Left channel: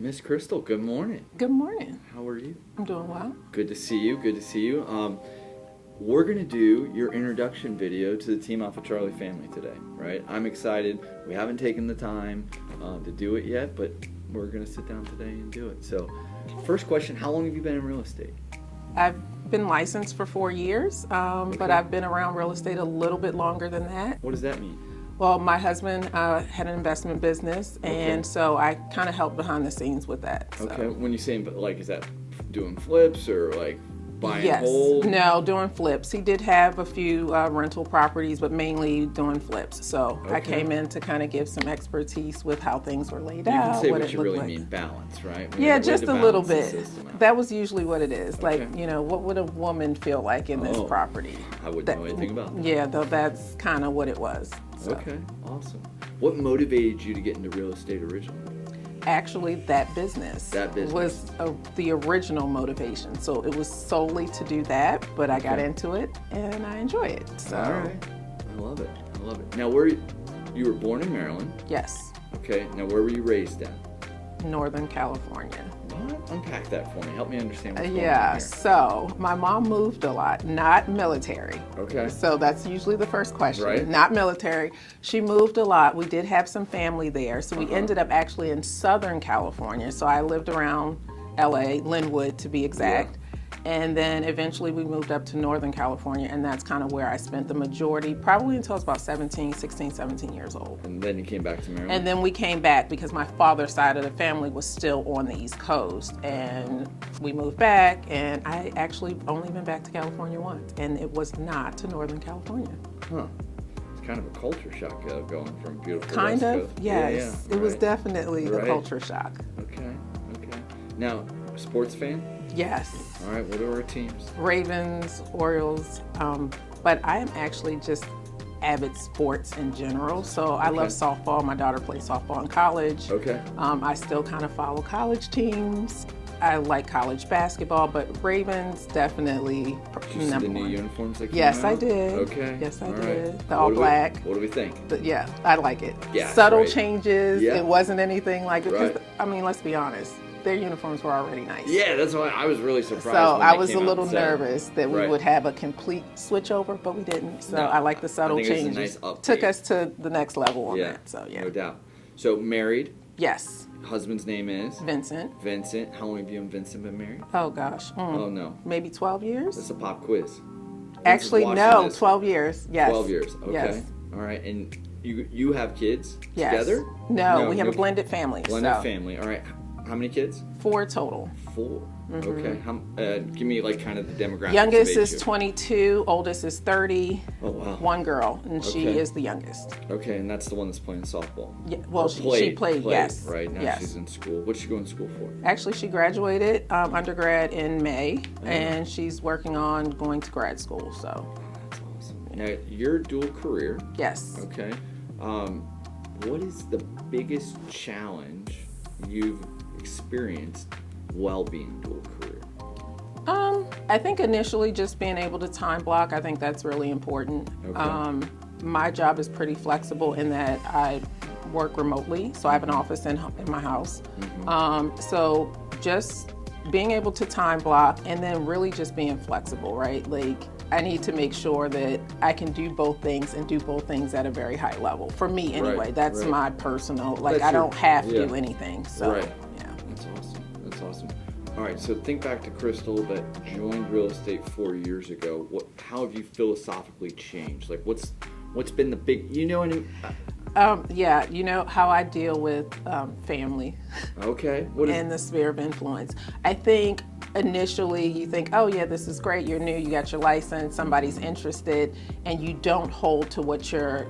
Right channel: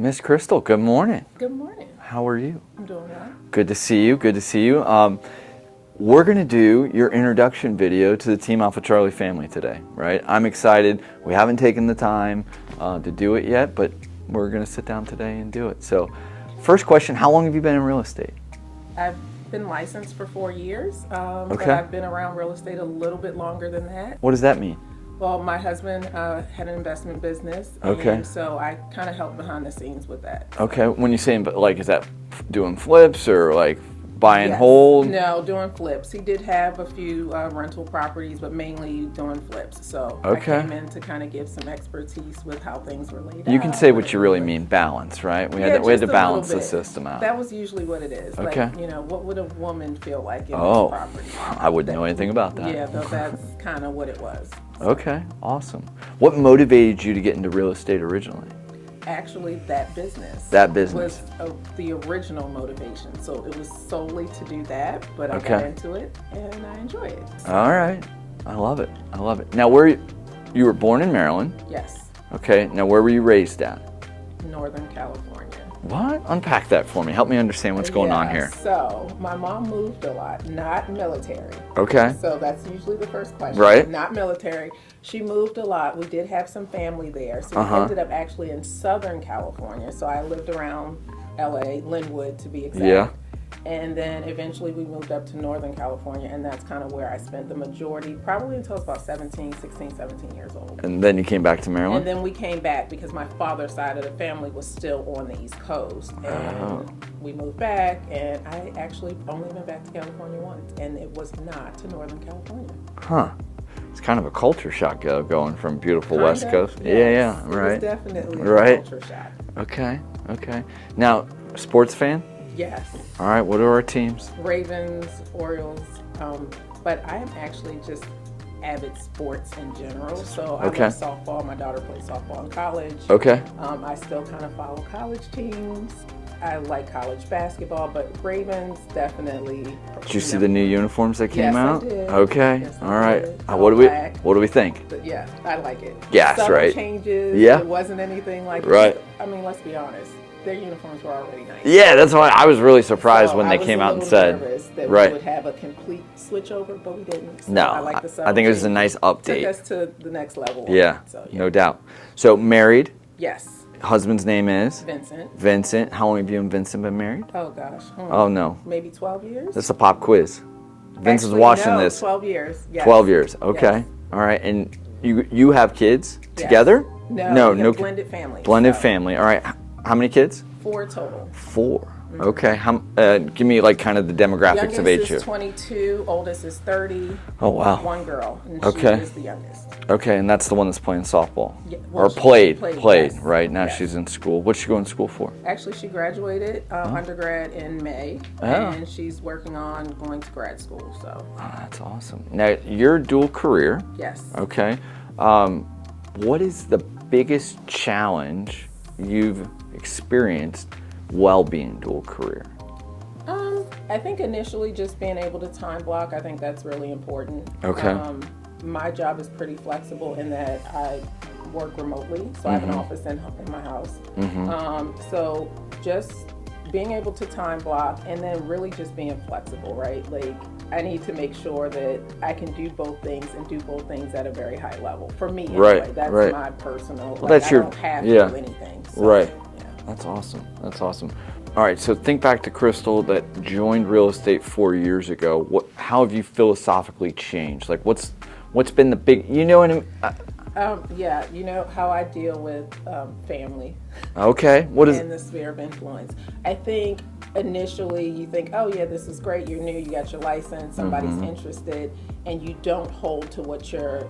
Miss Crystal, good morning. Good morning. How are you? I'm doing well. Good to see you. Good to see you. We're going to do your introduction video to the Team Alpha Charlie family today, right? I'm excited. We haven't taken the time to do it yet, but we're going to sit down today and do it. So, first question, how long have you been in real estate? I've been licensed for 4 years, but I've been around real estate a little bit longer than that. What does that mean? Well, my husband had an investment business, and so I kind of helped behind the scenes with that. So. Okay, when you say, like, is that doing flips or like buy and Yes. hold? No, doing flips. He did have a few rental properties, but mainly doing flips. So I came in to kind of give some expertise with how things were laid out. You can say what you really mean, balance, right? We had to balance the system out. That was usually what it is. Okay. Like, you know, what would a woman feel like in this property? I wouldn't know anything about that. Yeah, that's kind of what it was. So. Okay, awesome. What motivated you to get into real estate originally? Actually, that business. That business. Was the original motivation. So it was solely to do that, but I got into it and I enjoy it. So. All right. I love it. I love it. Now, you were born in Maryland? Yes. Okay. Now, where were you raised at? Northern California. What? Unpack that for me. Help me understand what's going on here. So my mom moved a lot, not military. Okay. So that's usually the first question. Right. Not military. She moved a lot. We did have some family there. So we ended up actually in Southern California. So I lived around LA, Linwood to be exact. Yeah. And then eventually we moved up to Northern California, and that's kind of where I spent the majority, probably until I was about 16, 17 years old. And then you came back to Maryland? And then we came back because my father's side of the family was still on the East Coast. And we moved back, and I actually only been back to California once, and it was not to Northern California. Huh. It's kind of a culture shock going from beautiful West Coast. Yes. Yeah, It right. was definitely a culture shock. Okay. Now, sports fan? Yes. All right, what are our teams? Ravens, Orioles, but I am actually just avid sports in general. So I love softball. My daughter plays softball in college. Okay. I still kind of follow college teams. I like college basketball, but Ravens definitely. Did you see the new uniforms that came out? Yes, I did. Okay. Yes, all I right. did. What do we think? But yeah, I like it. Yes, Subtle right. changes. Yeah. It wasn't anything like. Right. I mean, let's be honest. Their uniforms were already nice. Yeah, that's why I was really surprised when they came out and said. I was a little nervous that we would have a complete switch over, but we didn't. So no, I like the subtle I think it was a changes. nice update. Took us to the next level. Yeah, so, no doubt. So married? Yes. Husband's name is? Vincent. Vincent. How long have you and Vincent been married? Oh gosh. Oh no. Maybe 12 years. That's a pop quiz. Vince Actually, is watching no, this. 12 years. Yes. 12 years. Okay. Yes. All right. And you have kids Yes. together? No, we have a blended family. Blended family. All right. How many kids? 4 total. 4. Okay. Give me like kind of the demographics Youngest of age. is 22, oldest is 30. Oh wow. 1 girl, and she is the youngest. Okay, and that's the one that's playing softball. Yeah, well, or she played, yes. right? Now Yes. she's in school. What's she going to school for? Actually, she graduated undergrad in May, and she's working on going to grad school. So. Oh, that's awesome. Now you're dual career. Yes. Okay. What is the biggest challenge you've experienced while being dual career? I think initially just being able to time block, I think that's really important. Okay. My job is pretty flexible in that I work remotely, so I have an office in my house. So just being able to time block and then really just being flexible, right? Like I need to make sure that I can do both things and do both things at a very high level. For me anyway, that's my personal, like I don't have to do anything. So, right. Yeah. That's awesome. That's awesome. All right, so think back to Crystal that joined real estate 4 years ago. How have you philosophically changed? Like what's been the big, you know what I mean? Yeah, you know how I deal with family. Okay, what is in the sphere of influence? I think initially you think, oh yeah, this is great, you're new, you got your license, somebody's interested, and you don't hold to what your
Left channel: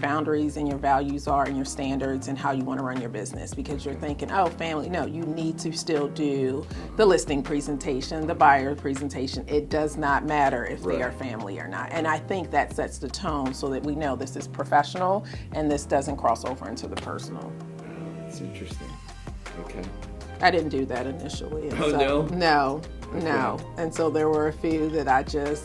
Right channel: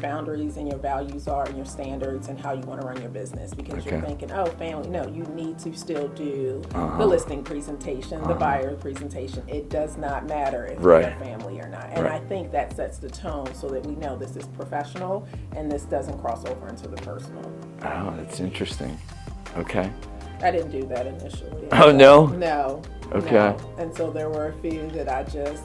boundaries and your values are and your standards and how you want to run your business because you're thinking, oh, family. No, you need to still do the listing presentation, the buyer presentation. It does not matter if they're family or not. And I think that sets the tone so that we know this is professional and this doesn't cross over into the personal. Oh, that's interesting. Okay. I didn't do that initially. Oh, so, no? No. Okay. No. And so there were a few that I just,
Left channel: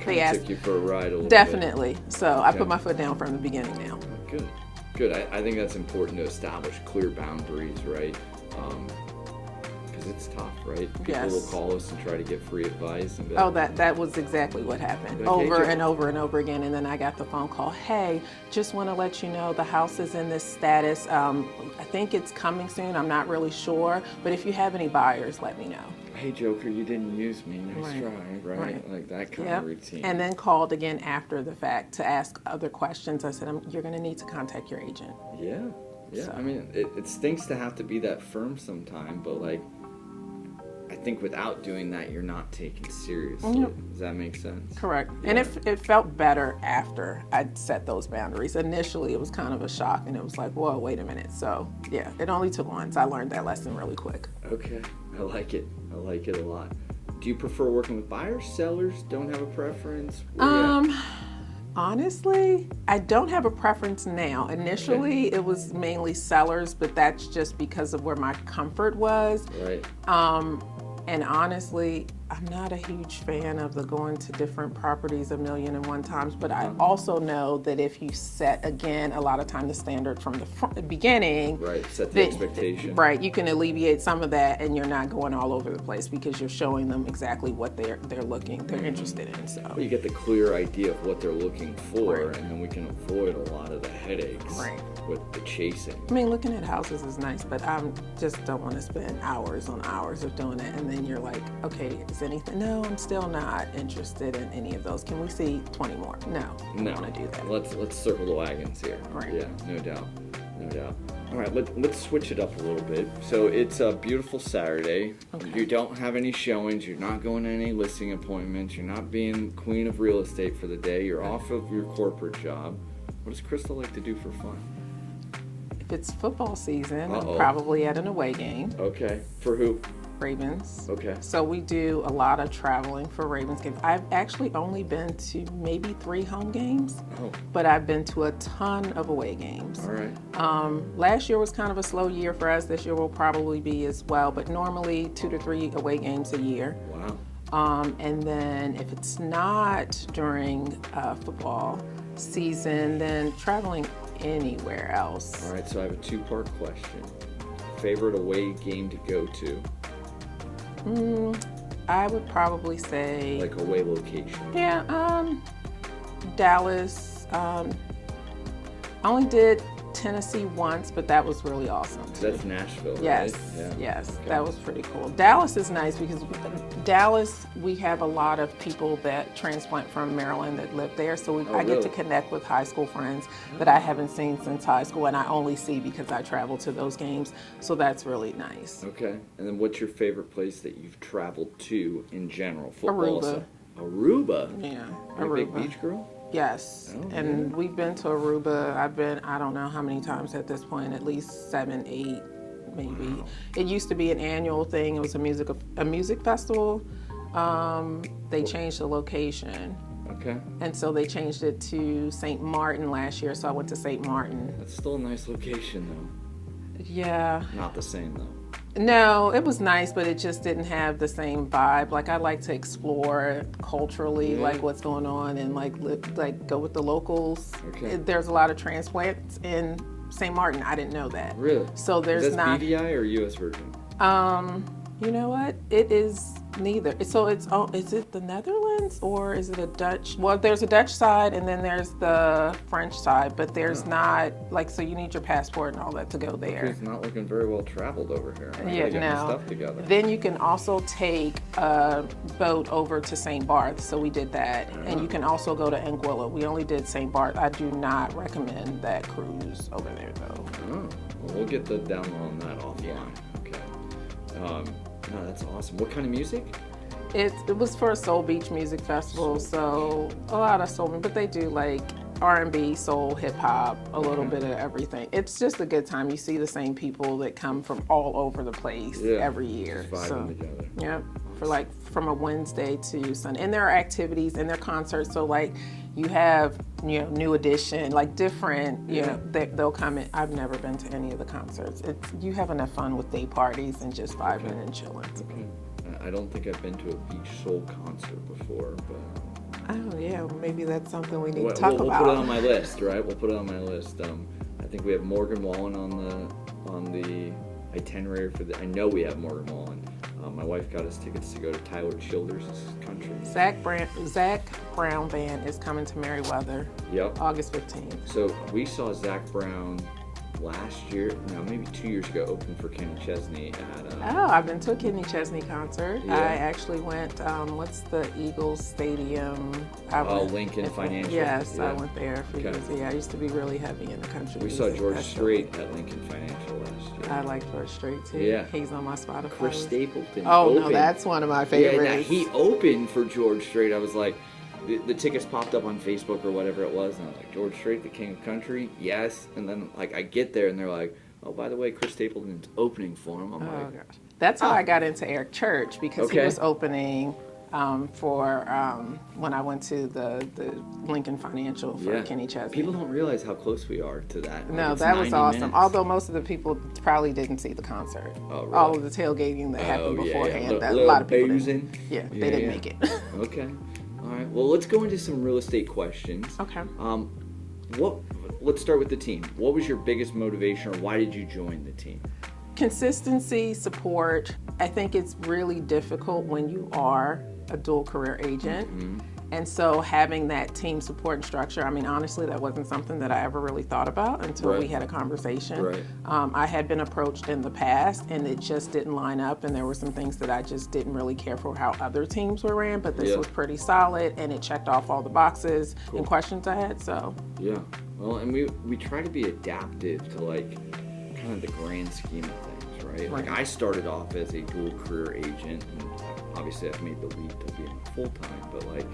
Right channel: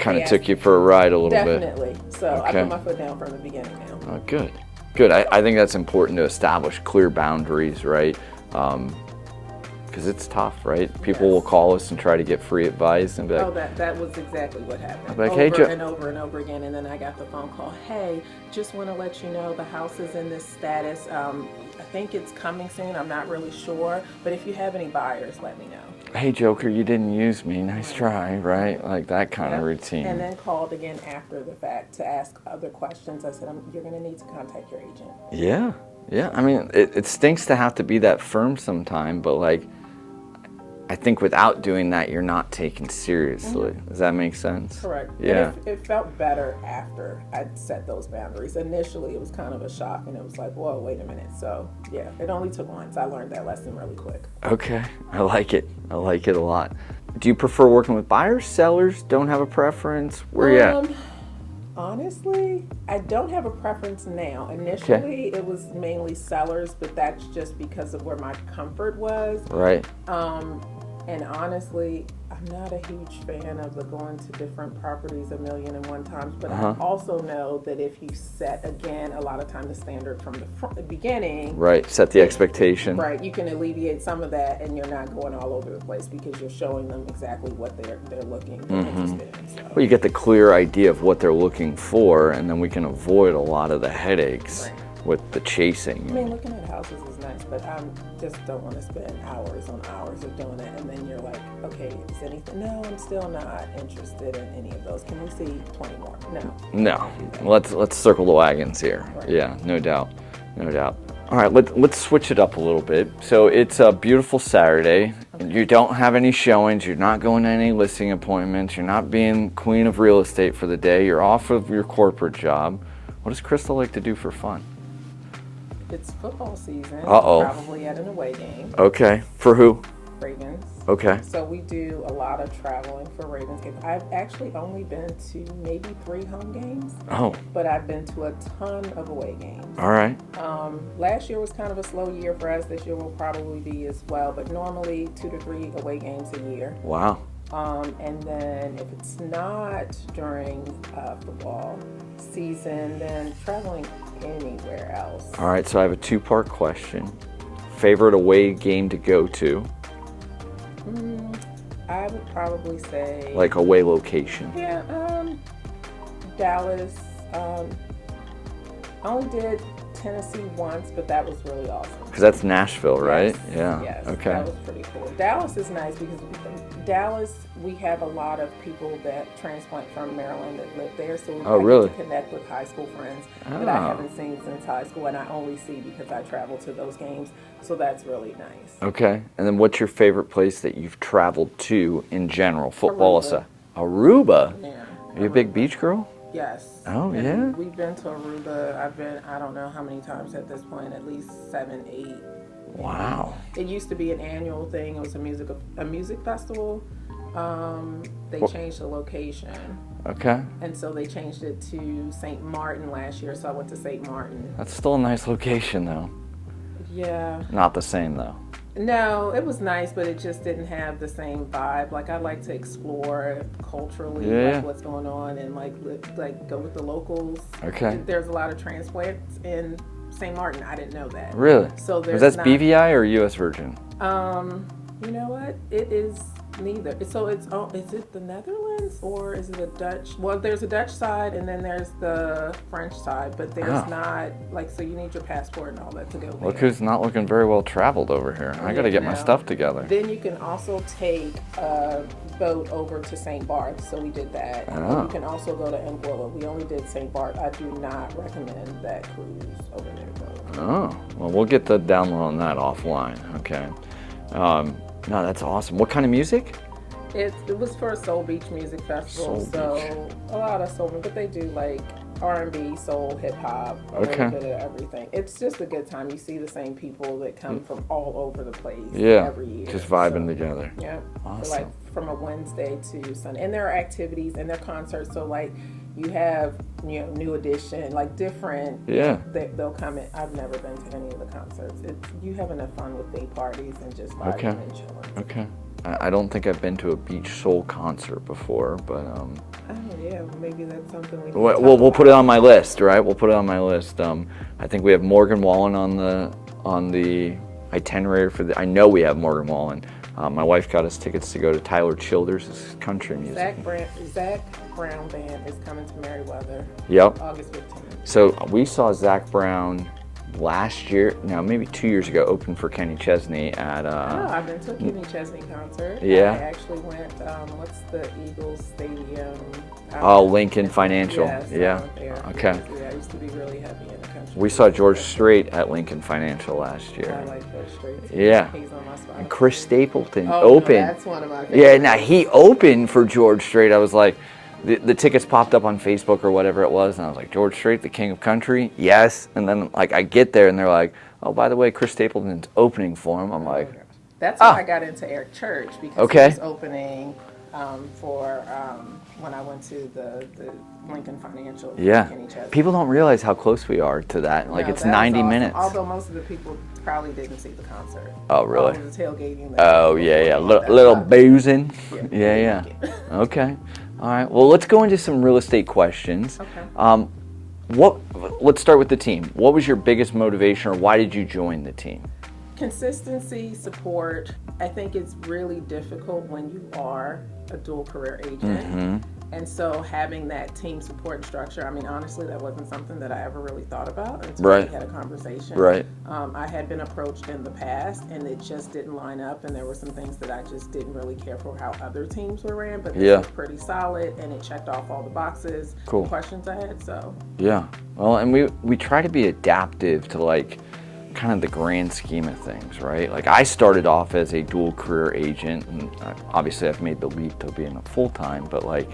kind of took you for a ride a little bit. Definitely. So I put my foot down from the beginning now. Oh, good. Good. I think that's important to establish clear boundaries, right? Because it's tough, right? People will call us and try to get free advice and be like, oh, that was exactly what happened. Like, over hey, and over and over again, and then I got the phone call. Hey, just want to let you know the house is in this status. I think it's coming soon. I'm not really sure, but if you have any buyers, let me know. hey, Joker, you didn't use me. Nice try, right? Like that kind of routine. And then called again after the fact to ask other questions. I said, you're going to need to contact your agent. Yeah, yeah. I mean, it stinks to have to be that firm sometime, but like, I think without doing that, you're not taken seriously. Does that make sense? Correct. Yeah. And it felt better after I'd set those boundaries. Initially, it was kind of a shock, and it was like, whoa, wait a minute. So, yeah, it only took once. I learned that lesson really quick. Okay, I like it. I like it a lot. Do you prefer working with buyers, sellers? Don't have a preference? Where you at? Honestly, I don't have a preference now. Initially, it was mainly sellers, but that's just because of where my comfort was. Right. And honestly, I'm not a huge fan of the going to different properties 1,000,001 times, but I also know that if you set, again, a lot of time the standard from the beginning. Right, set the expectation. Right, you can alleviate some of that, and you're not going all over the place because you're showing them exactly what they're interested in. So. Well, you get the clear idea of what they're looking for, and then we can avoid a lot of the headaches with the chasing. I mean, looking at houses is nice, but I just don't want to spend hours on hours of doing it, and then you're like, okay, is anything? No, I'm still not interested in any of those. Can we see 20 more? No. Let's circle the wagons here. Right. Yeah, no doubt. All right, let's switch it up a little bit. So it's a beautiful Saturday. You don't have any showings. You're not going to any listing appointments. You're not being queen of real estate for the day. You're off of your corporate job. What does Crystal like to do for fun? It's football season. Uh-oh. Probably at an away game. Okay. For who? Ravens. Okay. So we do a lot of traveling for Ravens games. I've actually only been to maybe 3 home games. Oh. But I've been to a ton of away games. All right. Last year was kind of a slow year for us. This year will probably be as well, but normally 2 to 3 away games a year. Wow. And then if it's not during football season, then traveling anywhere else. All right, so I have a 2-part question. Favorite away game to go to? I would probably say... Like away location. Yeah, Dallas. I only did Tennessee once, but that was really awesome. Because that's Nashville, right? Yes, yes, Okay. that was pretty cool. Dallas is nice because Dallas, we have a lot of people that transplant from Maryland that live there, so I really? get to connect with high school friends that I haven't seen since high school, and I only see because I travel to those games, so that's really nice. Okay, and then what's your favorite place that you've traveled to in general, football aside? Aruba. Aruba? Yeah. Are you a big beach girl? Yes. Oh, and yeah? We've been to Aruba. I've been, I don't know how many times at this point, at least 7, 8. Maybe. Wow. It used to be an annual thing. It was a music festival. They changed the location. Okay. And so they changed it to St. Martin last year, so I went to St. Martin. That's still a nice location, though. Yeah. Not the same, though. No, it was nice, but it just didn't have the same vibe. Like, I like to explore culturally, like what's going on, and like go with the locals. Okay. There's a lot of transplants in St. Martin. I didn't know that. Really? So there's That's not, BVI or U.S. Virgin? You know what? It is neither. So is it the Netherlands or is it a Dutch? Well, there's a Dutch side and then there's the French side, but there's not, like, so you need your passport and all that to go there. Look who's not looking very well traveled over here. I got to get my stuff together. Then you can also take a boat over to St. Barth, so we did that. And you can also go to Anguilla. We only did St. Barth. I do not recommend that cruise over there, though. Oh, well, we'll get the download on that offline. Okay. No, that's awesome. What kind of music? It was for a Soul Beach Music Festival, a lot of soul, but they do like R&B, soul, hip hop, a little bit of everything. It's just a good time. You see the same people that come from all over the place every year. Just vibing together. Yeah, awesome. For like from a Wednesday to Sunday, and there are activities and there are concerts. So like you have New Edition, like different. They'll come in. I've never been to any of the concerts. You have enough fun with day parties and just vibing and chilling. Okay. I don't think I've been to a beach soul concert before, but Oh yeah, maybe that's something we need to we'll talk about. put it on my list, right? We'll put it on my list. I think we have Morgan Wallen on the itinerary for I know we have Morgan Wallen. My wife got us tickets to go to Tyler Childers' country music. Zach Brown Band is coming to Merriweather. Yep. August 15th. So we saw Zach Brown last year, maybe 2 years ago, open for Kenny Chesney at. I've been to a Kenny Chesney concert. Yeah. I actually went. What's the Eagles Stadium? Lincoln Financial. Yes, yeah. I went there. Okay. Yeah, I used to be really heavy in the country. We saw George Strait at Lincoln Financial last year. I like George Strait too. Yeah. He's on my Spotify. Chris Stapleton No, opened. that's one of my favorites. Yeah, now he opened for George Strait. I was like, the tickets popped up on Facebook or whatever it was, and I was like, George Strait, the king of country? Yes. And then like I get there and they're like, oh, by the way, Chris Stapleton's opening for him. I'm like, that's how I got into Eric Church, because he was opening for when I went to the Lincoln Financial for Kenny Chesney. People don't realize how close we are to that. Like, it's 90 minutes. Although most of the people probably didn't see the concert. Oh, really? All of the tailgating. Little boozing. Yeah. Okay. All right. Well, let's go into some real estate questions. Okay. Let's start with the team. What was your biggest motivation, or why did you join the team? Consistency, support. I think it's really difficult when you are a dual career agent. Mm-hmm. And so having that team support structure, I mean, honestly, that wasn't something that I ever really thought about until we had a conversation. Right. I had been approached in the past, and it just didn't line up, and there were some things that I just didn't really care for how other teams were ran, but this was pretty solid, and it checked off all the boxes and questions I had, so. Yeah. Well, and we try to be adaptive to, like, kind of the grand scheme of things, right? Like, I started off as a dual career agent, and obviously I've made the leap to being a full-time, but like,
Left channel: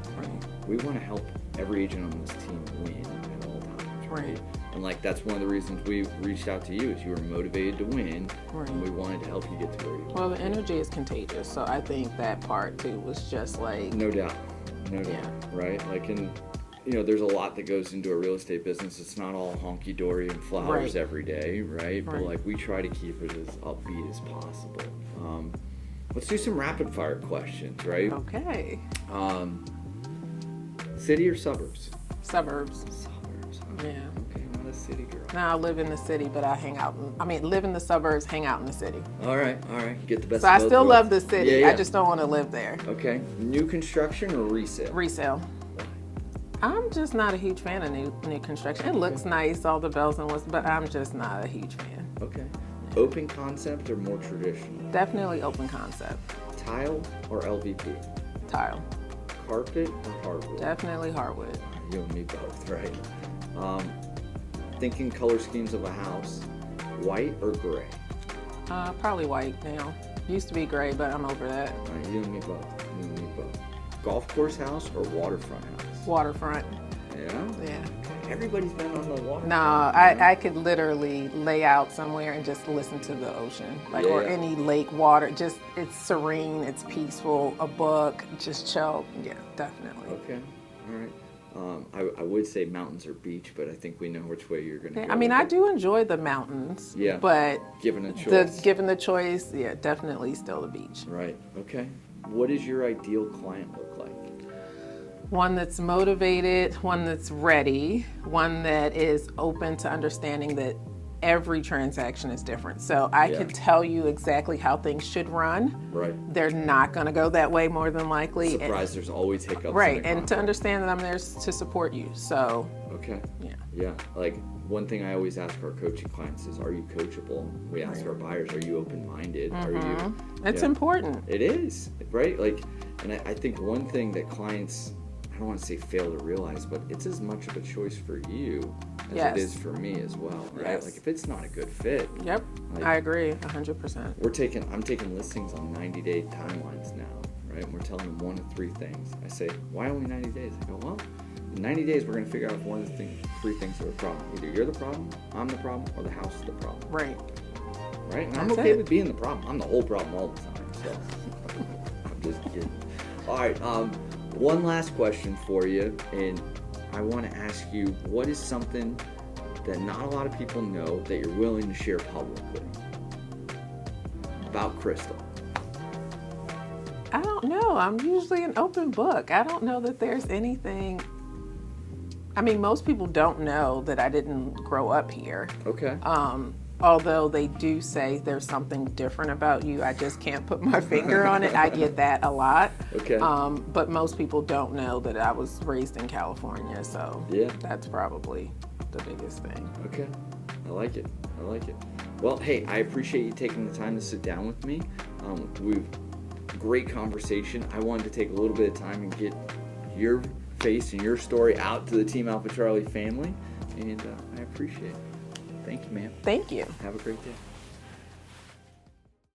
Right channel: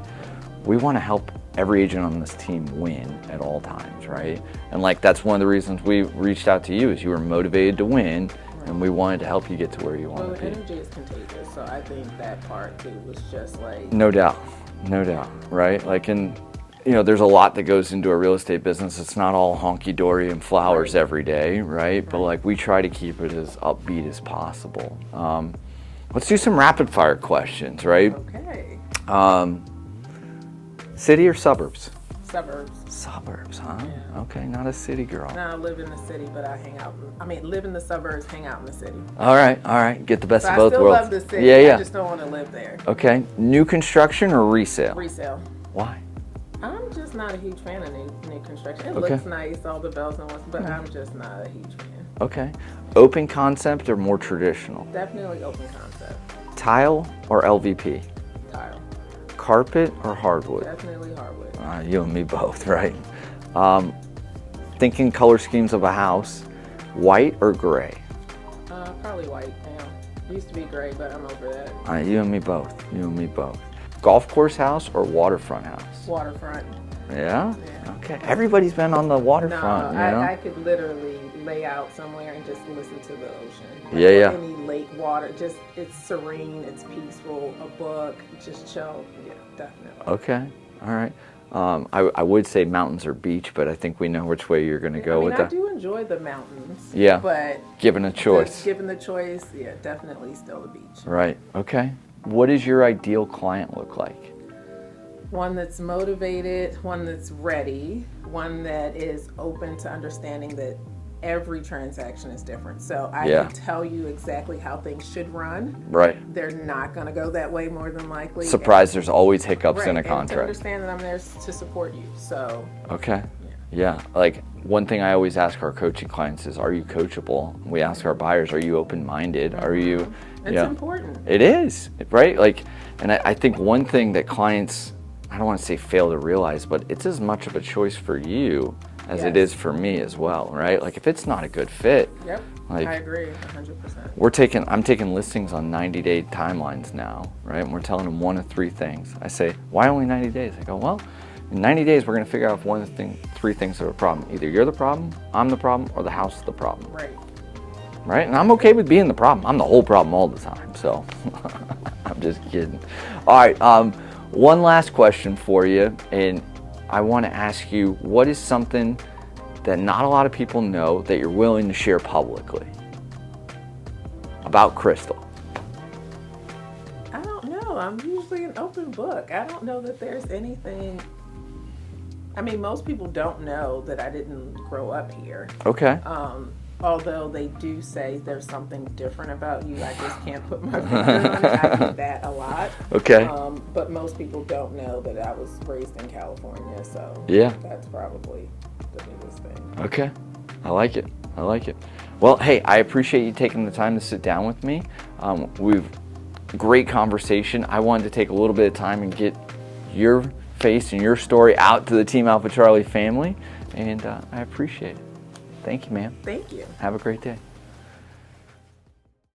we want to help every agent on this team win at all times, right? And like, that's one of the reasons we reached out to you, is you were motivated to win, and we wanted to help you get to where you want to be. Well, the energy is contagious, so I think that part too was just like... No doubt, right? Like, there's a lot that goes into a real estate business. It's not all honky-dory and flowers every day, right? But like, we try to keep it as upbeat as possible. Let's do some rapid fire questions, right? Okay. City or suburbs? Suburbs. Suburbs, huh? Yeah. Okay, not a city girl. No, I live in the city, but I live in the suburbs, hang out in the city. All right. Get the best So of both worlds. I still love the city. Yeah. I just don't want to live there. Okay. New construction or resale? Resale. Why? I'm just not a huge fan of new construction. It looks nice, all the bells and whistles, but I'm just not a huge fan. Okay. Open concept or more traditional? Definitely open concept. Tile or LVP? Tile. Carpet or hardwood? Definitely hardwood. You and me both, right? Thinking color schemes of a house, white or gray? Probably white now. Used to be gray, but I'm over that. You and me both. Golf course house or waterfront house? Waterfront. Yeah? Yeah. Okay. Everybody's been on the waterfront. No, I could literally lay out somewhere and just listen to the ocean. Or any lake water. Just, it's serene, it's peaceful, a book, just chill. Yeah, definitely. Okay. All right. I would say mountains or beach, but I think we know which way you're going to go with that. I do enjoy the mountains. Yeah. But given a choice. Given the choice, yeah, definitely still the beach. Right. Okay. What does your ideal client look like? One that's motivated, one that's ready, one that is open to understanding that every transaction is different. So I can tell you exactly how things should run. Right. They're not going to go that way more than likely. Surprise, there's always hiccups in a contract. And to understand that I'm there to support you. So. Okay. Yeah. Like, one thing I always ask our coaching clients is, are you coachable? We ask our buyers, are you open-minded? Are you... It's important. It is, right? Like, and I think one thing that clients, I don't want to say fail to realize, but it's as much of a choice for you as it is for me as well, right? Like, if it's not a good fit. Yep, like, I agree 100%. I'm taking listings on 90-day timelines now, right? And we're telling them one of three things. I say, why only 90 days? I go, well, in 90 days, we're going to figure out if one of the three things are a problem. Either you're the problem, I'm the problem, or the house is the problem. Right? And I'm okay with being the problem. I'm the whole problem all the time, so I'm just kidding. All right, one last question for you, and I want to ask you, what is something that not a lot of people know that you're willing to share publicly about Crystal? I don't know. I'm usually an open book. I don't know that there's anything. I mean, most people don't know that I didn't grow up here. Okay. although they do say there's something different about you, I just can't put my finger on it. I get that a lot. Okay. But most people don't know that I was raised in California, so Yeah. that's probably the biggest thing. Okay. I like it. I like it. Well, hey, I appreciate you taking the time to sit down with me. We've great conversation. I wanted to take a little bit of time and get your face and your story out to the Team Alpha Charlie family, and I appreciate it. Thank you, ma'am. Thank you. Have a great day.